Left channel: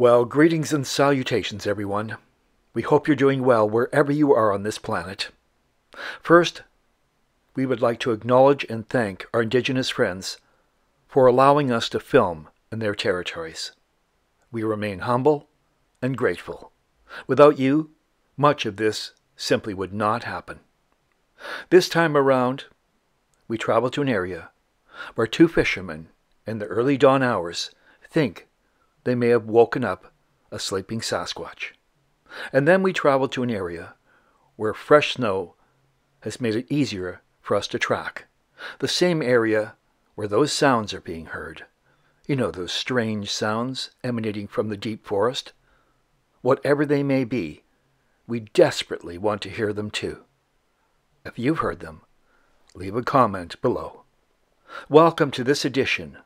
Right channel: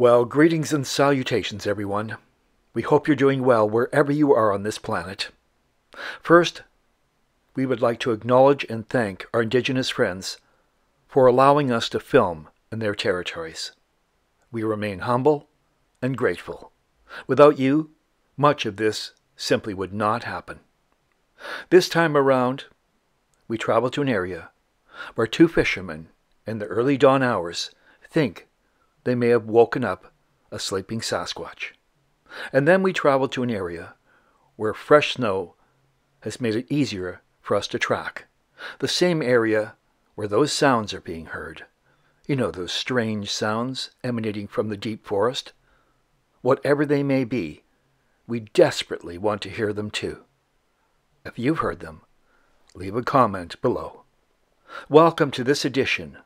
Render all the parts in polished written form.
Well, greetings and salutations, everyone. We hope you're doing well wherever you are on this planet. First, we would like to acknowledge and thank our Indigenous friends for allowing us to film in their territories. We remain humble and grateful. Without you, much of this simply would not happen. This time around, we travel to an area where two fishermen in the early dawn hours think they may have woken up a sleeping Sasquatch. And then we travel to an area where fresh snow has made it easier for us to track. The same area where those sounds are being heard. You know, those strange sounds emanating from the deep forest. Whatever they may be, we desperately want to hear them too. If you've heard them, leave a comment below. Welcome to this edition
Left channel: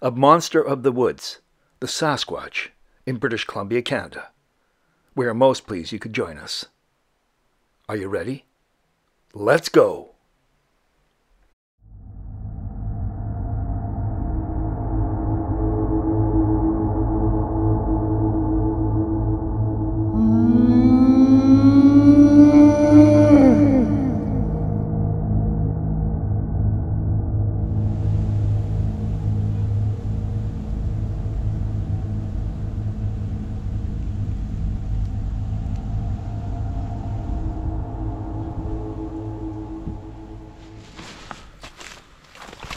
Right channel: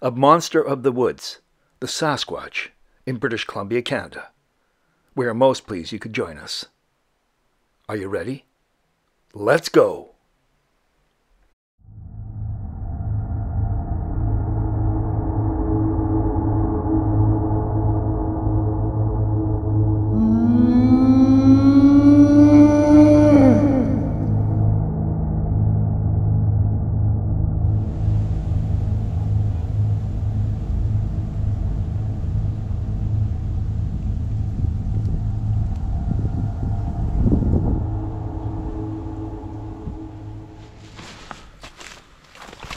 of Monster of the Woods, the Sasquatch, in British Columbia, Canada. We are most pleased you could join us. Are you ready? Let's go!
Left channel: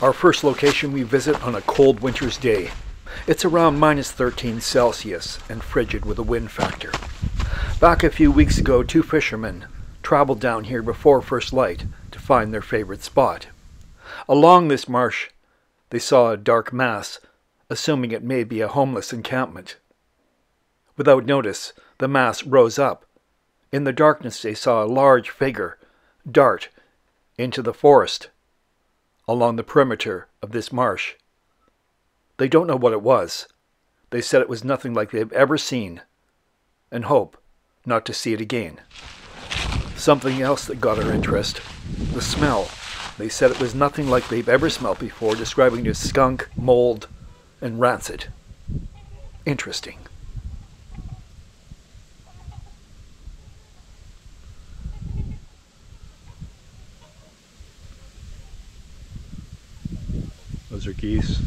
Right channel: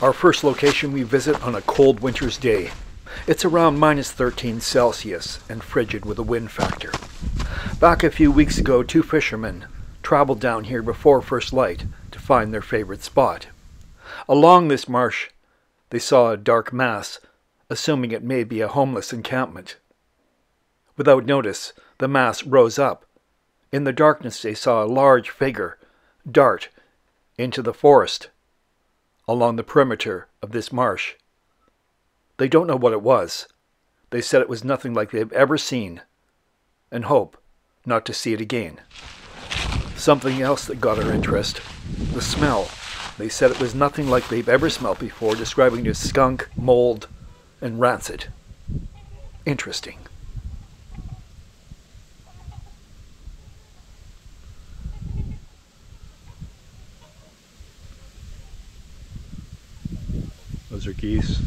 Our first location we visit on a cold winter's day. It's around -13 Celsius and frigid with a wind factor. Back a few weeks ago, two fishermen traveled down here before first light to find their favorite spot. Along this marsh, they saw a dark mass, assuming it may be a homeless encampment. Without notice, the mass rose up. In the darkness, they saw a large figure dart into the forest along the perimeter of this marsh. They don't know what it was. They said it was nothing like they've ever seen, and hope not to see it again. Something else that got our interest, the smell. They said it was nothing like they've ever smelled before, describing it as skunk, mold, and rancid. Interesting. Those are geese.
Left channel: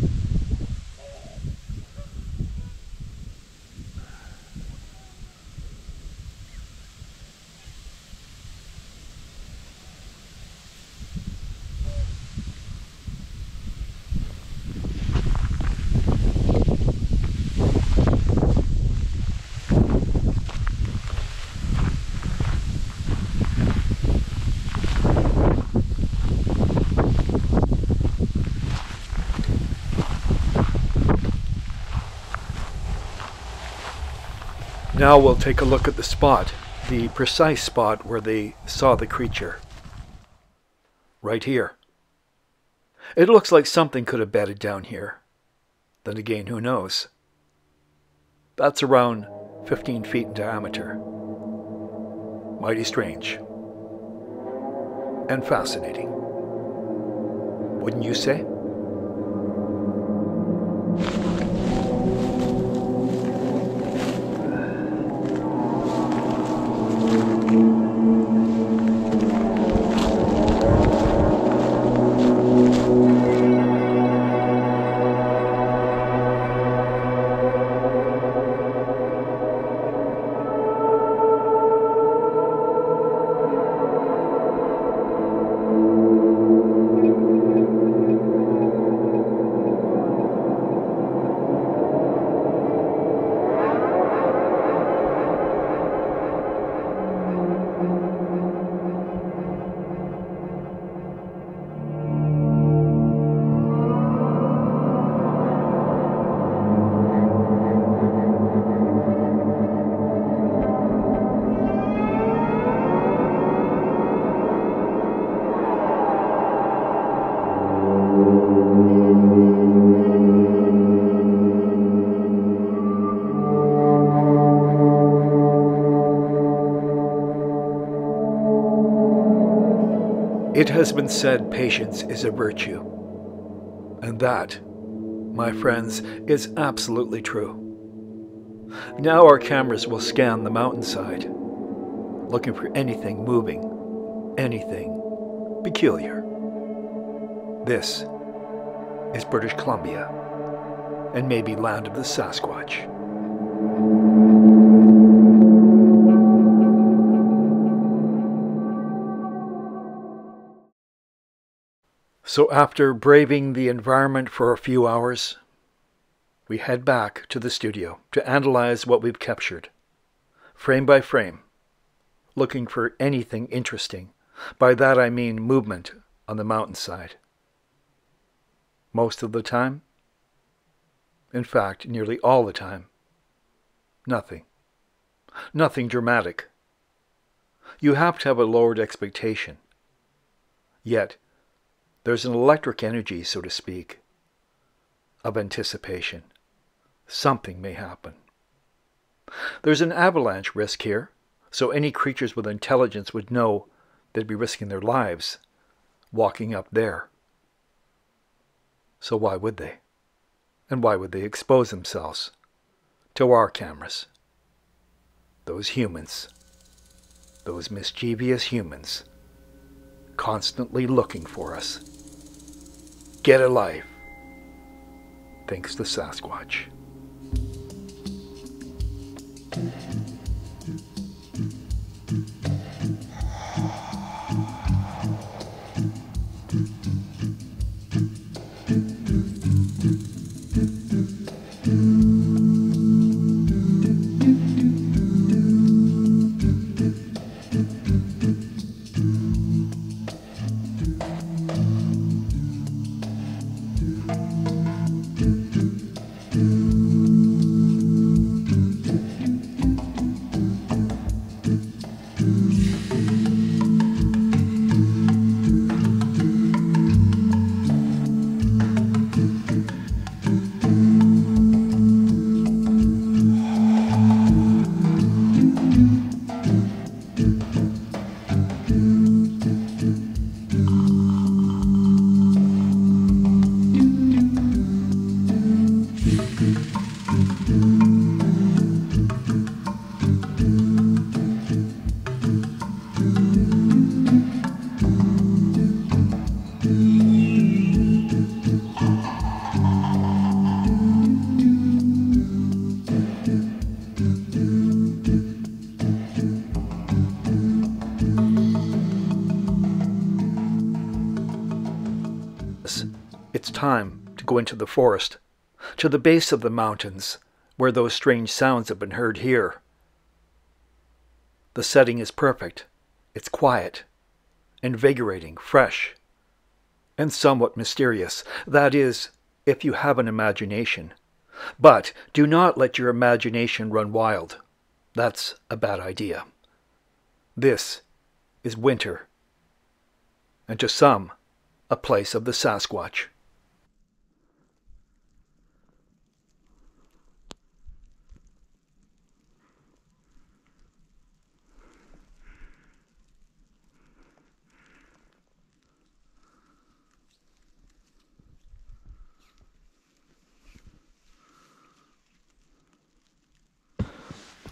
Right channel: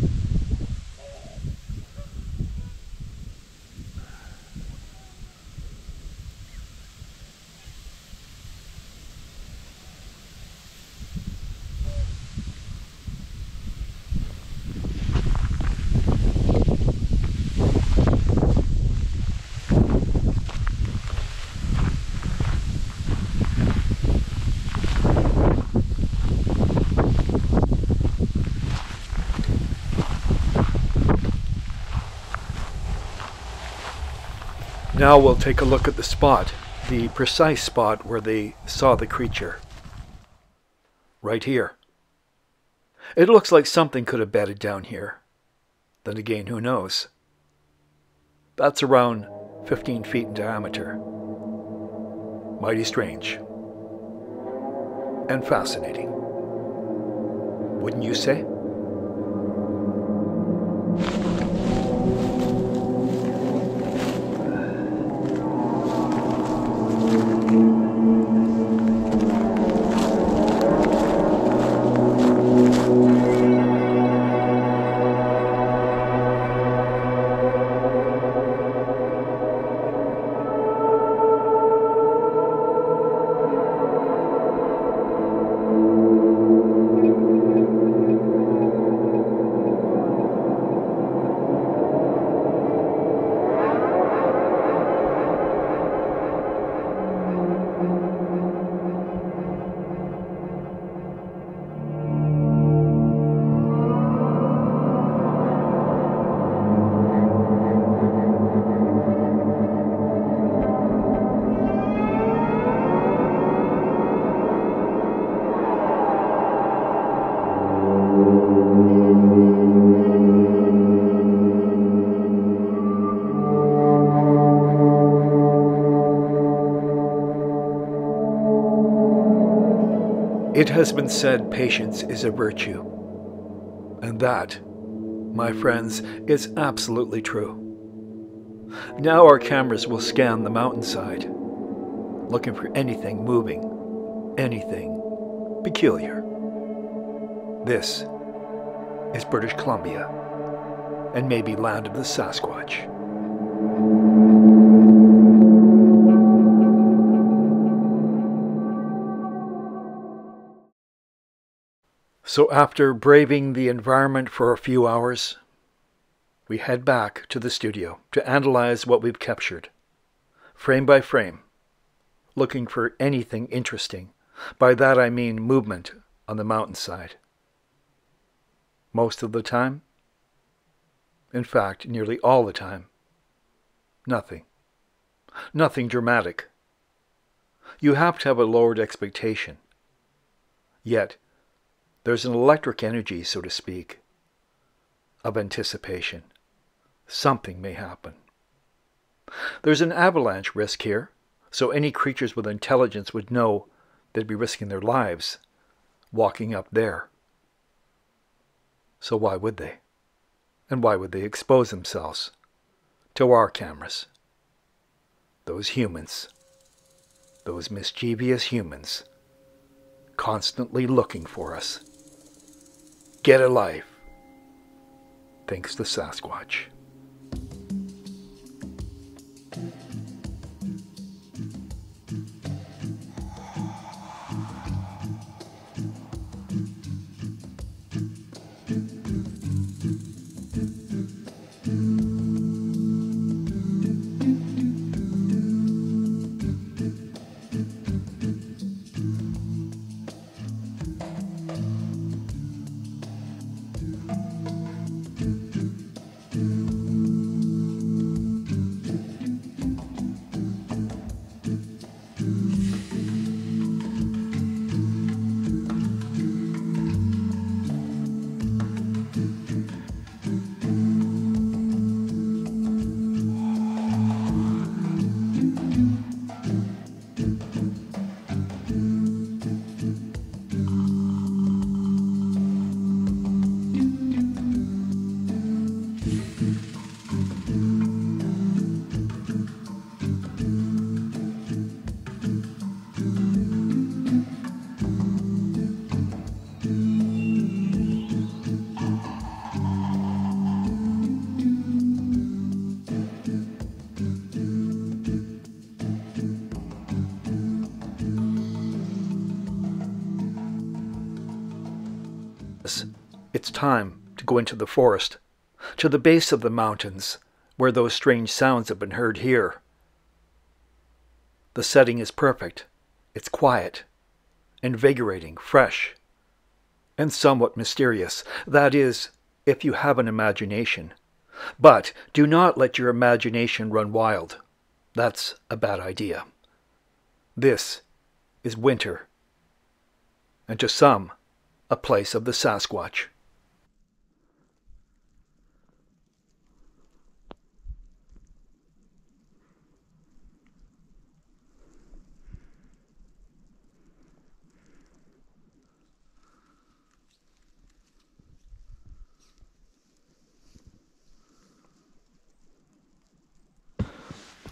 Now we'll take a look at the spot, the precise spot where they saw the creature. Right here. It looks like something could have bedded down here. Then again, who knows? That's around 15 feet in diameter. Mighty strange. And fascinating. Wouldn't you say? It has been said patience is a virtue, and that, my friends, is absolutely true. Now our cameras will scan the mountainside, looking for anything moving, anything peculiar. This is British Columbia, and maybe land of the Sasquatch. So after braving the environment for a few hours, we head back to the studio to analyze what we've captured, frame by frame, looking for anything interesting. By that I mean movement on the mountainside. Most of the time, in fact, nearly all the time, nothing. Nothing dramatic. You have to have a lowered expectation. Yet, there's an electric energy, so to speak, of anticipation. Something may happen. There's an avalanche risk here, so any creatures with intelligence would know they'd be risking their lives walking up there. So why would they? And why would they expose themselves to our cameras? Those humans, those mischievous humans, constantly looking for us. Get a life, thinks the Sasquatch. It's time to go into the forest, to the base of the mountains, where those strange sounds have been heard here. The setting is perfect. It's quiet, invigorating, fresh, and somewhat mysterious. That is, if you have an imagination. But do not let your imagination run wild. That's a bad idea. This is winter, and to some, a place of the Sasquatch.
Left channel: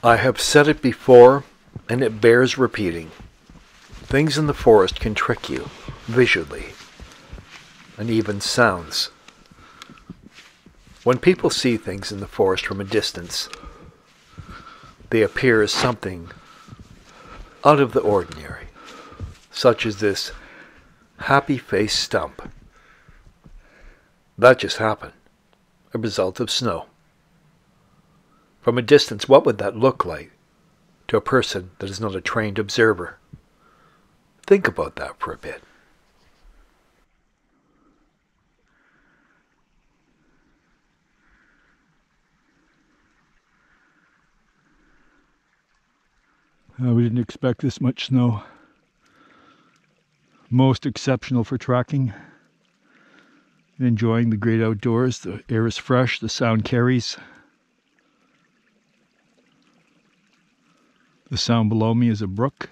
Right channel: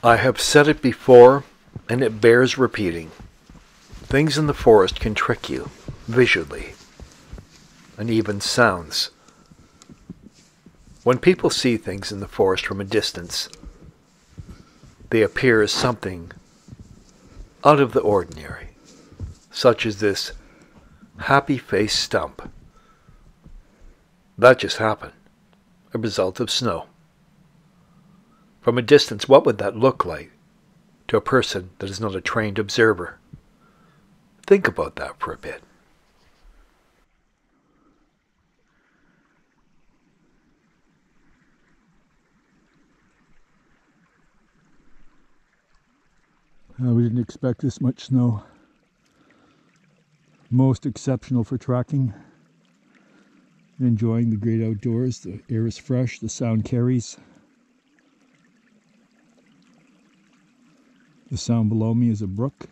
I have said it before, and it bears repeating. Things in the forest can trick you, visually, and even sounds. When people see things in the forest from a distance, they appear as something out of the ordinary, such as this happy-faced stump. That just happened, a result of snow. From a distance, what would that look like to a person that is not a trained observer? Think about that for a bit. We didn't expect this much snow. Most exceptional for trekking. Enjoying the great outdoors. The air is fresh, the sound carries. The sound below me is a brook.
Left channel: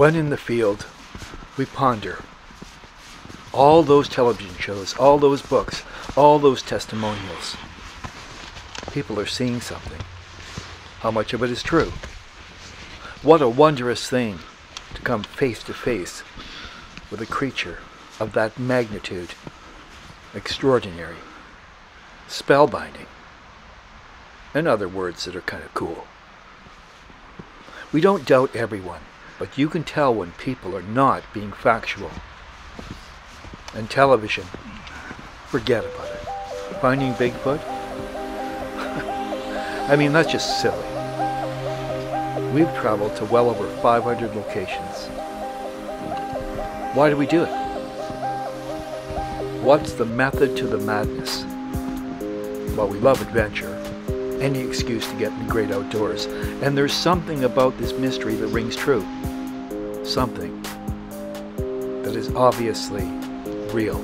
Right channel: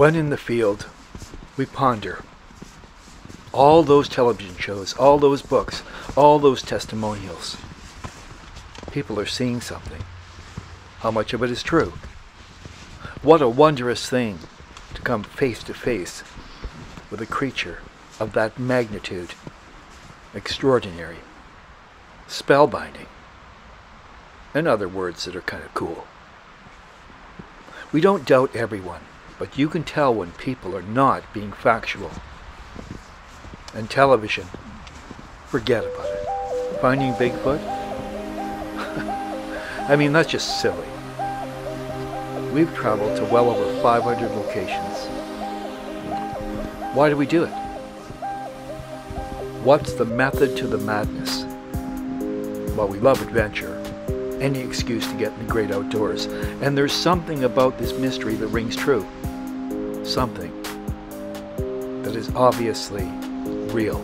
When in the field, we ponder all those television shows, all those books, all those testimonials. People are seeing something. How much of it is true? What a wondrous thing to come face to face with a creature of that magnitude. Extraordinary, spellbinding, and other words that are kind of cool. We don't doubt everyone, but you can tell when people are not being factual. And television, forget about it. Finding Bigfoot? I mean, that's just silly. We've traveled to well over 500 locations. Why do we do it? What's the method to the madness? Well, we love adventure. Any excuse to get in the great outdoors. And there's something about this mystery that rings true. Something that is obviously real.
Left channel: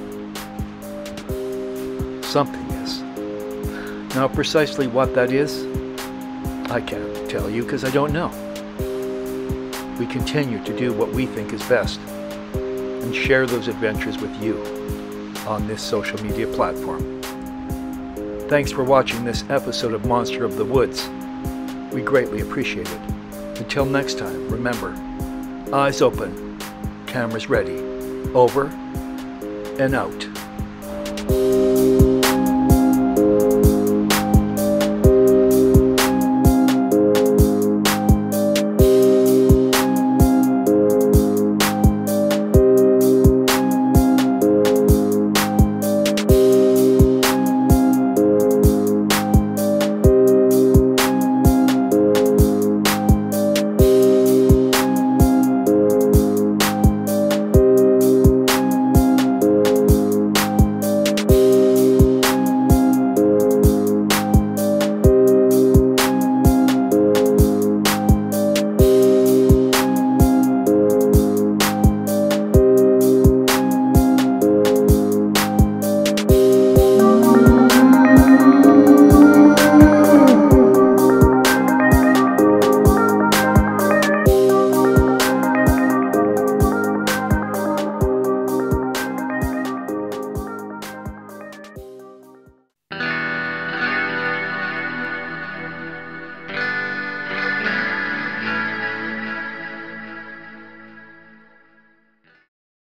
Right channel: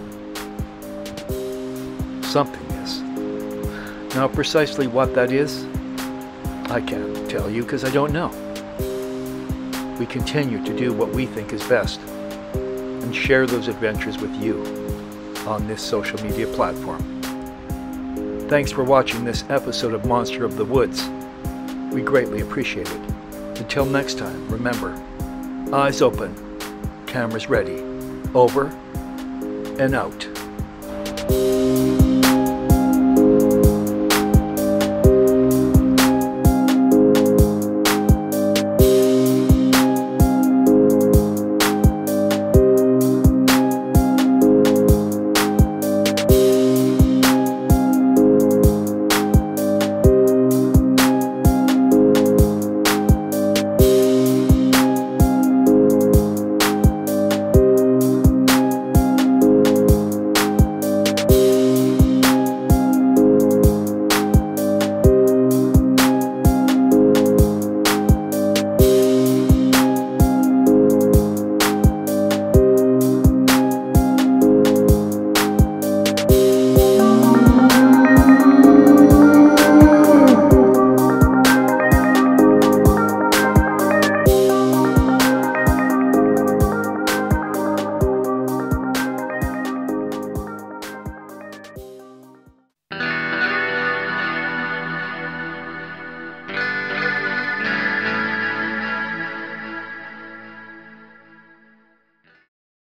Something is. Now, precisely what that is, I can't tell you because I don't know. We continue to do what we think is best and share those adventures with you on this social media platform. Thanks for watching this episode of Monster of the Woods. We greatly appreciate it. Until next time, remember, eyes open, cameras ready, over and out.